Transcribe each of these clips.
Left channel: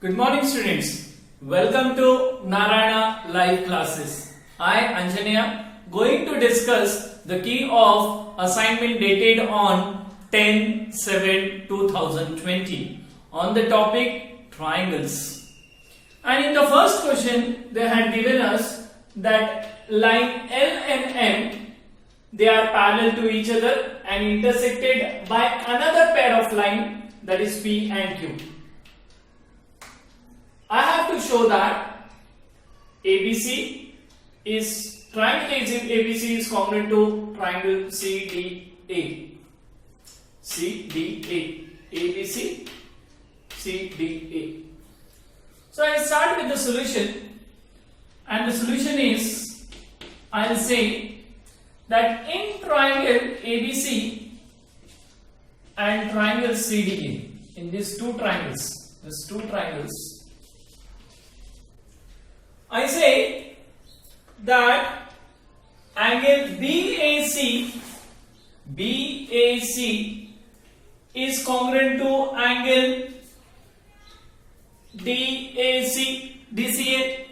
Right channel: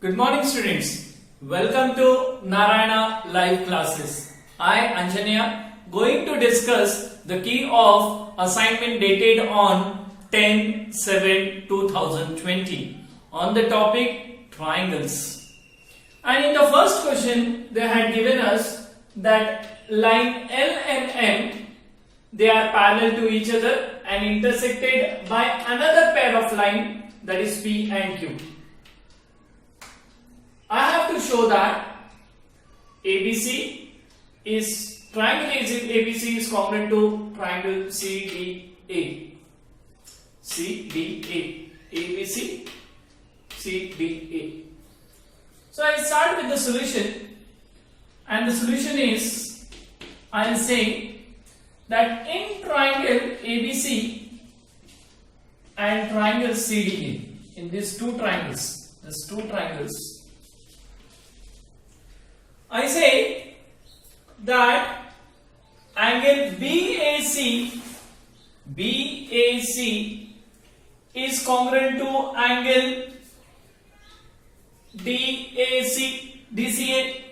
Good morning students. Welcome to Narayana live classes. I Anjanya going to discuss the key of assignment dated on 10/7/2020 on the topic triangles. And in the first question they had given us that line L and M, they are parallel to each other and intersected by another pair of line, that is P and Q. I have to show that ABC is ABC is congruent to triangle CDA. CDA. ABC CDA. So I start with the solution, and the solution is I am saying that in triangle ABC and triangle CDA, in these two triangles, I say that angle BAC is congruent to angle DCA,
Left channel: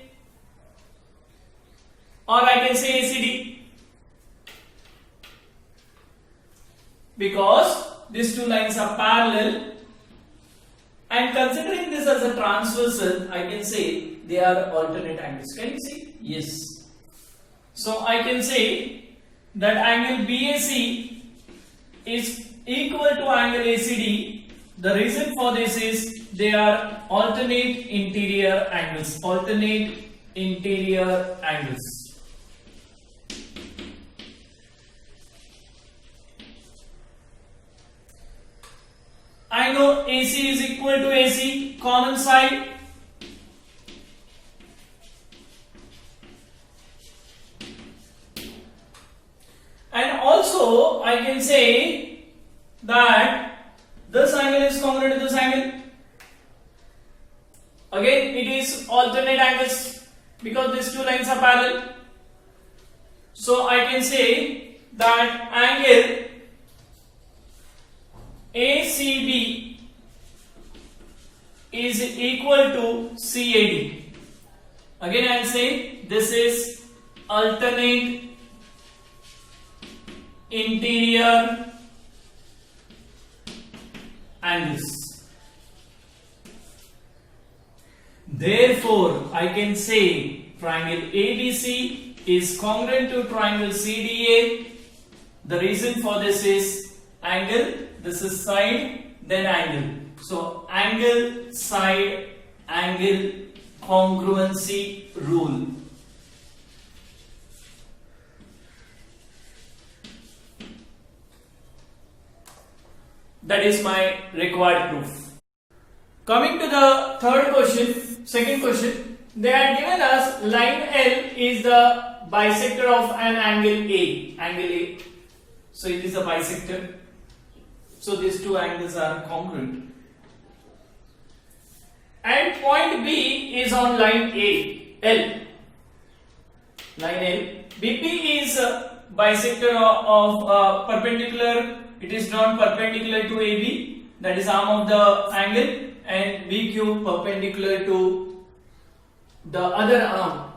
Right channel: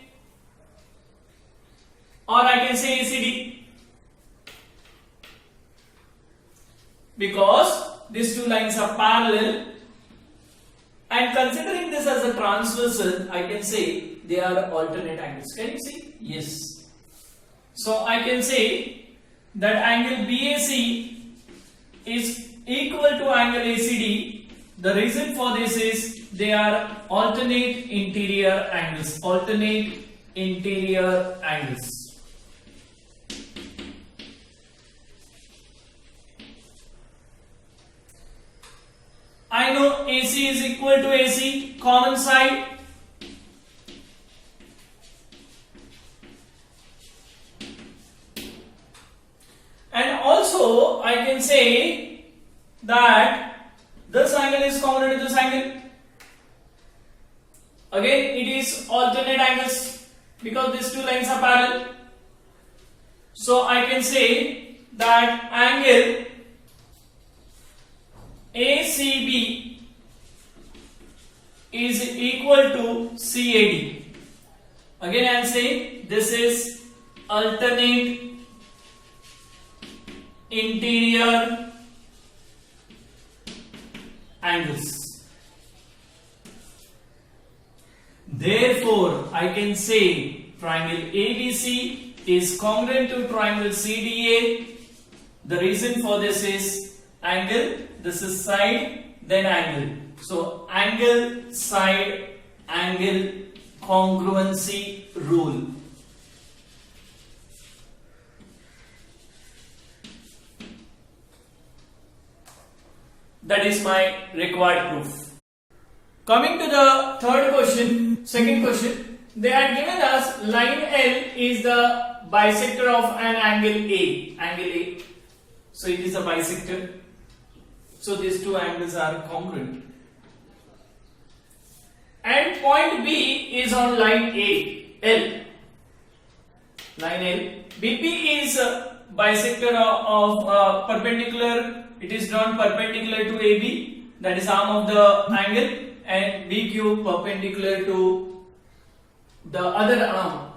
or I can say ACD, because these two lines are parallel, and considering this as a transversal, I can say they are alternate angles. Can you see? Yes. So I can say that angle BAC is equal to angle ACD. The reason for this is they are alternate interior angles. I know AC is equal to AC, common side. And also I can say that this angle is congruent to this angle. Again, it is alternate angles because these two lines are parallel. So I can say that angle ACB is equal to CAD. Again, I am saying this is alternate interior angles. Therefore, I can say triangle ABC is congruent to triangle CDA. The reason for this is angle, this is side, then angle. So angle, side, angle congruency rule. That is my required proof. Coming to the second question, they had given us line L is the bisector of an angle A. So it is a bisector. So these two angles are congruent. And point B is on line L. BP is a bisector of perpendicular. It is drawn perpendicular to AB, that is arm of the angle, and BQ perpendicular to the other arm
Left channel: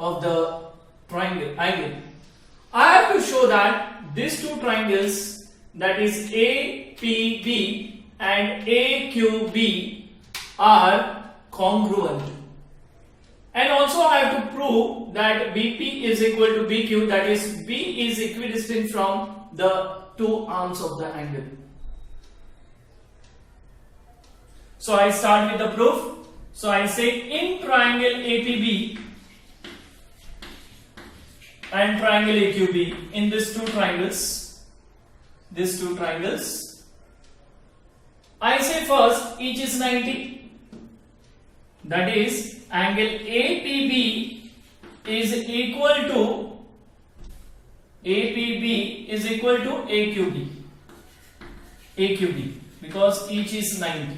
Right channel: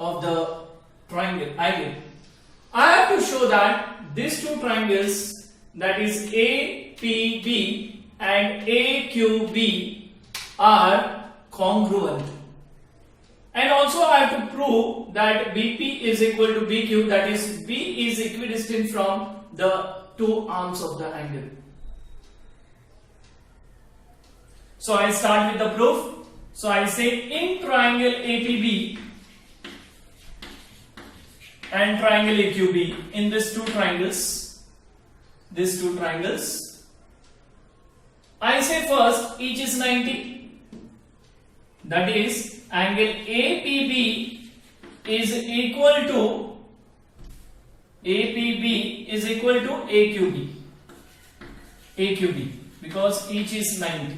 of the angle. I have to show that these two triangles, that is APB and AQB, are congruent. And also I have to prove that BP is equal to BQ, that is B is equidistant from the two arms of the angle. So I start with the proof. So I say in triangle APB and triangle AQB, in these two triangles, I say first each is 90. That is angle APB is equal to AQB because each is 90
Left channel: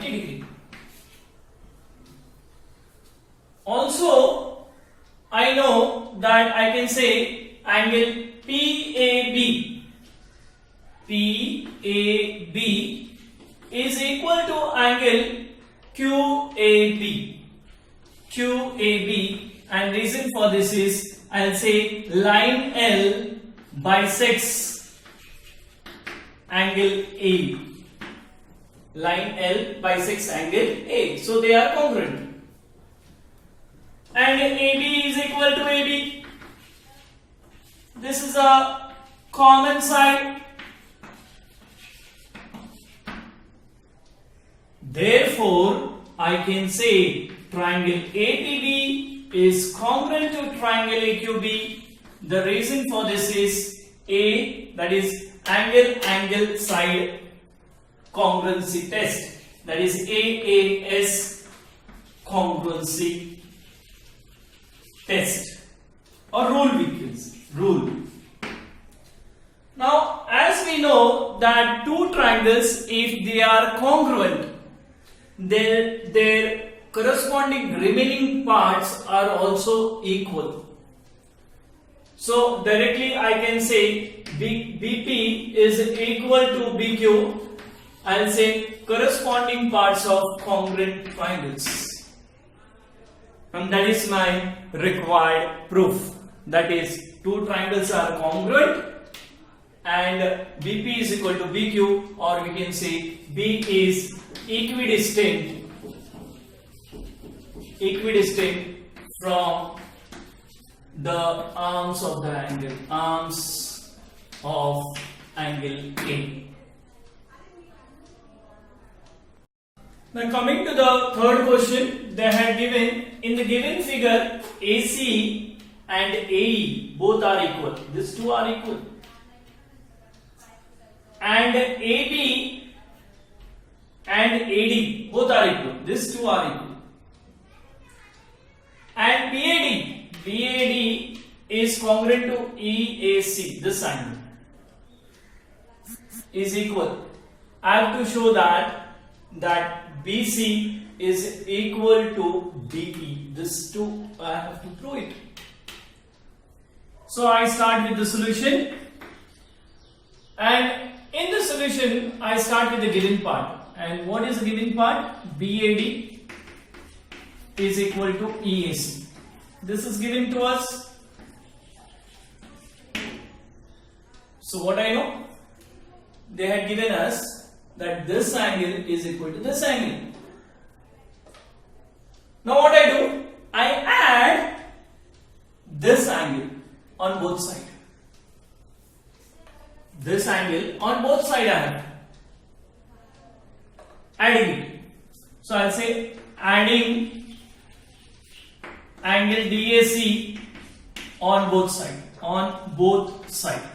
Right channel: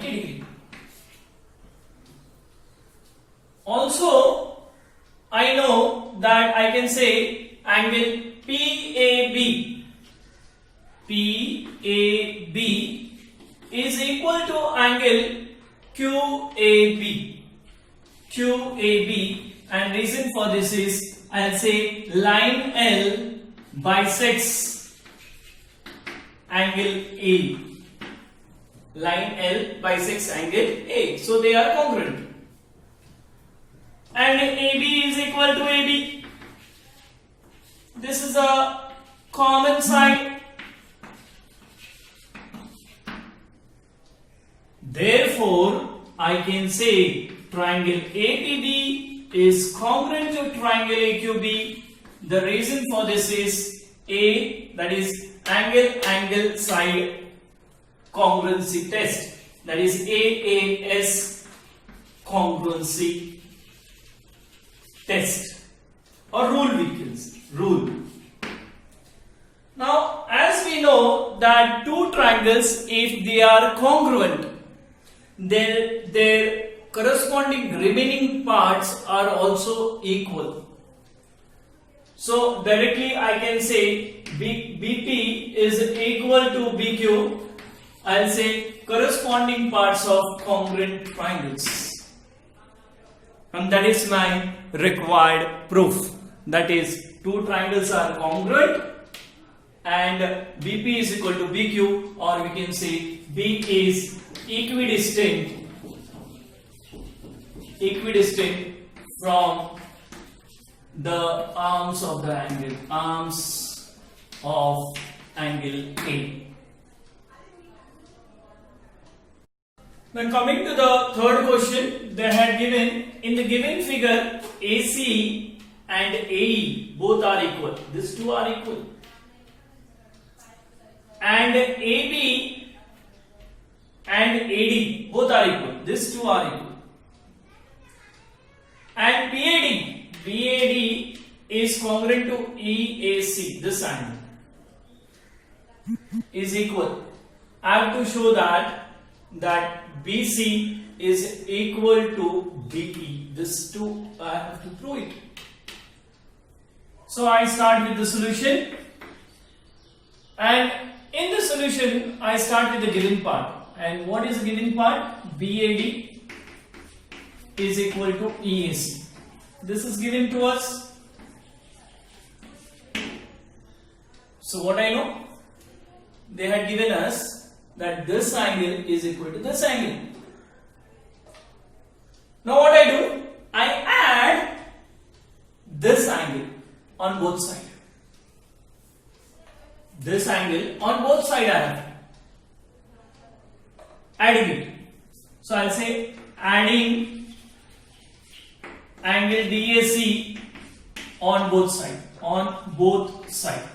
degree. Also I know that I can say angle PAB is equal to angle QAB. QAB, and reason for this is I'll say line L bisects angle A. Line L bisects angle A, so they are congruent. And AB is equal to AB. This is a common side. Therefore, I can say triangle APB is congruent to triangle AQB. The reason for this is A, that is angle side congruency test, that is AAS congruency test, or rule we can say, rule. Now, as we know that two triangles, if they are congruent, their corresponding remaining parts are also equal. So directly I can say BP is equal to BQ. I'll say corresponding parts of congruent triangles. And that is my required proof. That is, two triangles are congruent and BP is equal to BQ, or we can say B is equidistant from the arms of the angle, arms of angle A. Now coming to the third question, they had given, in the given figure, AC and AE both are equal. These two are equal. And AB and AD both are equal. These two are equal. And BAD is congruent to EAC. This angle is equal. I have to show that BC is equal to BE. This two I have to prove it. So I start with the solution, and in the solution I start with the given part. And what is the given part? BAD is equal to EAC. This is given to us. So what I know? They had given us that this angle is equal to this angle. Now what I do? I add this angle on both sides. This angle on both sides I have adding it. So I'll say adding angle DAC on both sides.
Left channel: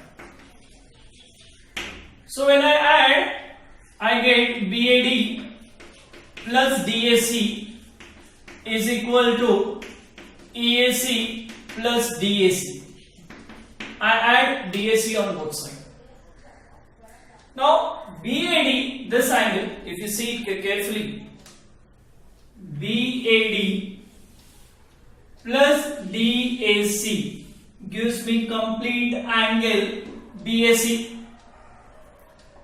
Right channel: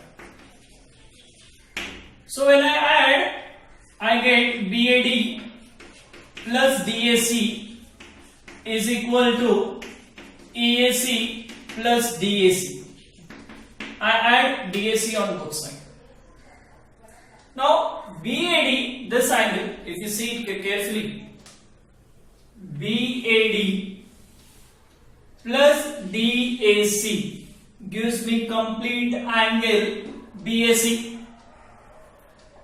So when I add, I get BAD plus DAC is equal to EAC plus DAC. I add DAC on both sides. Now BAD, this angle, if you see it carefully, BAD plus DAC gives me complete angle BAC.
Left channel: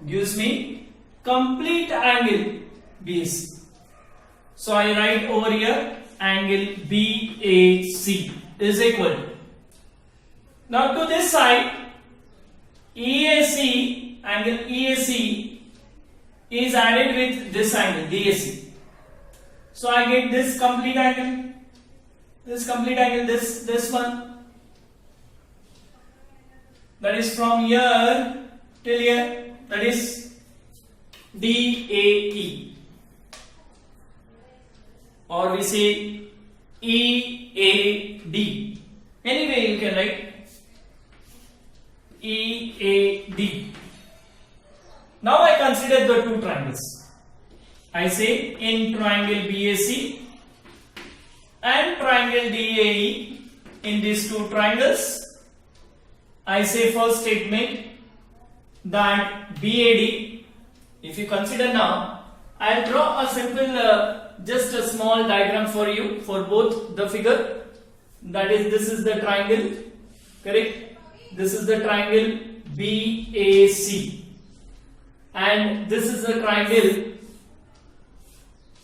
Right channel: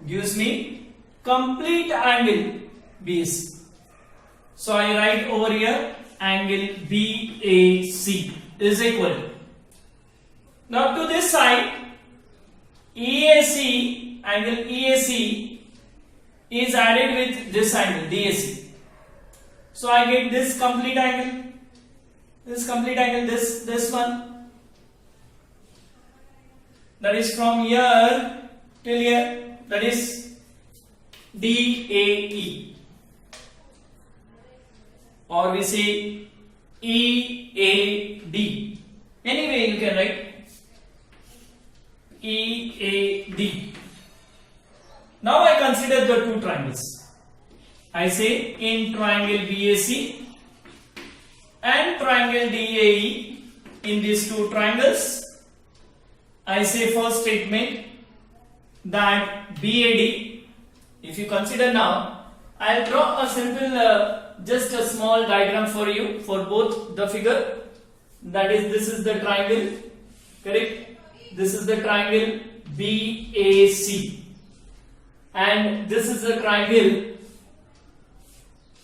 Gives me complete angle BAC. So I write over here angle BAC is equal. Now to this side, EAC, angle EAC is added with this angle DAC. So I get this complete angle, this one. That is from here till here. That is DAE, or we say EAD. Anyway, you can write EAD. Now I consider the two triangles. I say in triangle BAC and triangle DAE, in these two triangles, I say first statement that BAD, if you consider now, I'll draw a simple, just a small diagram for you for both the figure. That is, this is the triangle, correct? This is the triangle BAC, and this is the triangle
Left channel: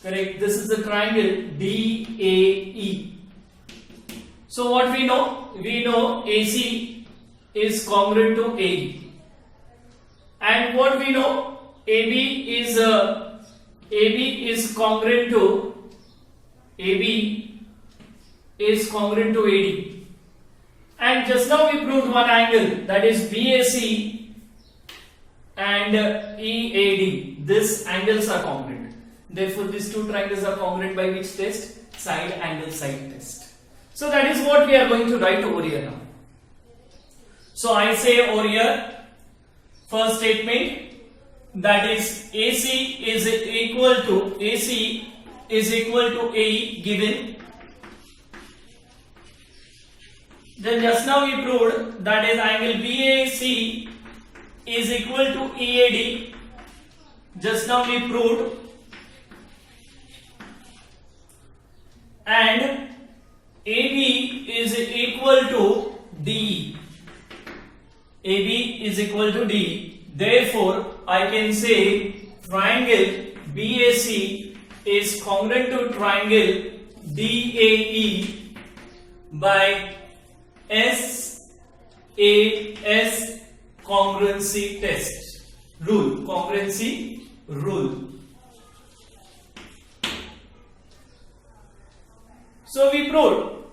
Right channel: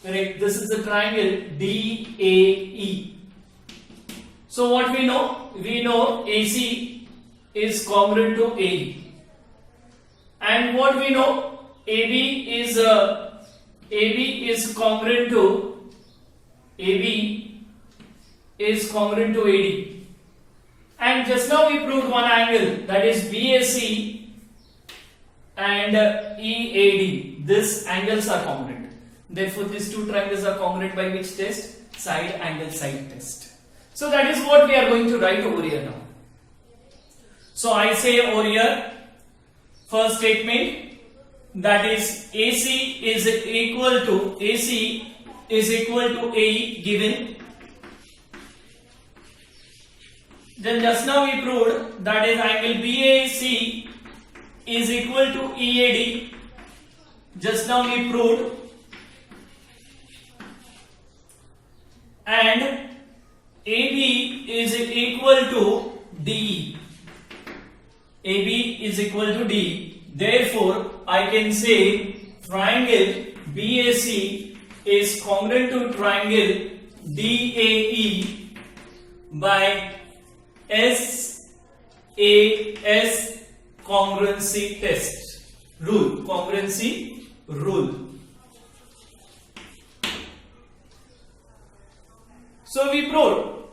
Correct. This is the triangle DAE. So what we know? We know AC is congruent to AE. And what we know? AB is congruent to AD. And just now we proved one angle, that is BAC and EAD. These angles are congruent. Therefore, these two triangles are congruent by which test? Side angle side test. So that is what we are going to write over here now. So I say over here, first statement, that is AC is equal to AE given. Then just now we proved that is angle BAC is equal to EAD. Just now we proved. And AB is equal to DE. AB is equal to DE. Therefore, I can say triangle BAC is congruent to triangle DAE by SAS congruency test rule. Congruency rule. So we proved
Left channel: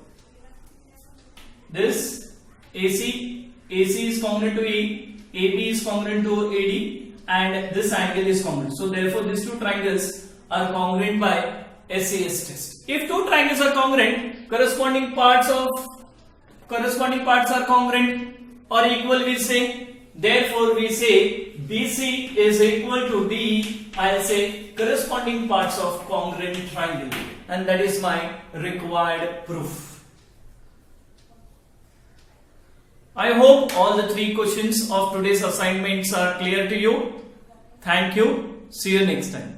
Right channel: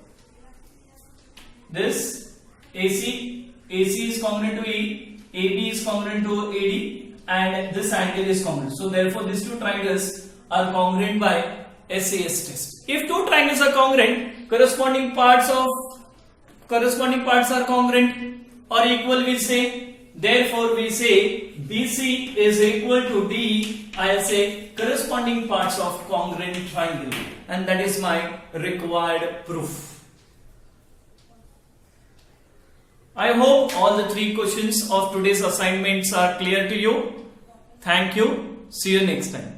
this AC is congruent to E, AB is congruent to AD, and this angle is congruent. So therefore these two triangles are congruent by SAS test. If two triangles are congruent, corresponding parts are congruent or equal, we say. Therefore we say BC is equal to DE. I'll say corresponding parts of congruent triangle, and that is my required proof. I hope all the three questions of today's assignments are clear to you. Thank you. See you next time.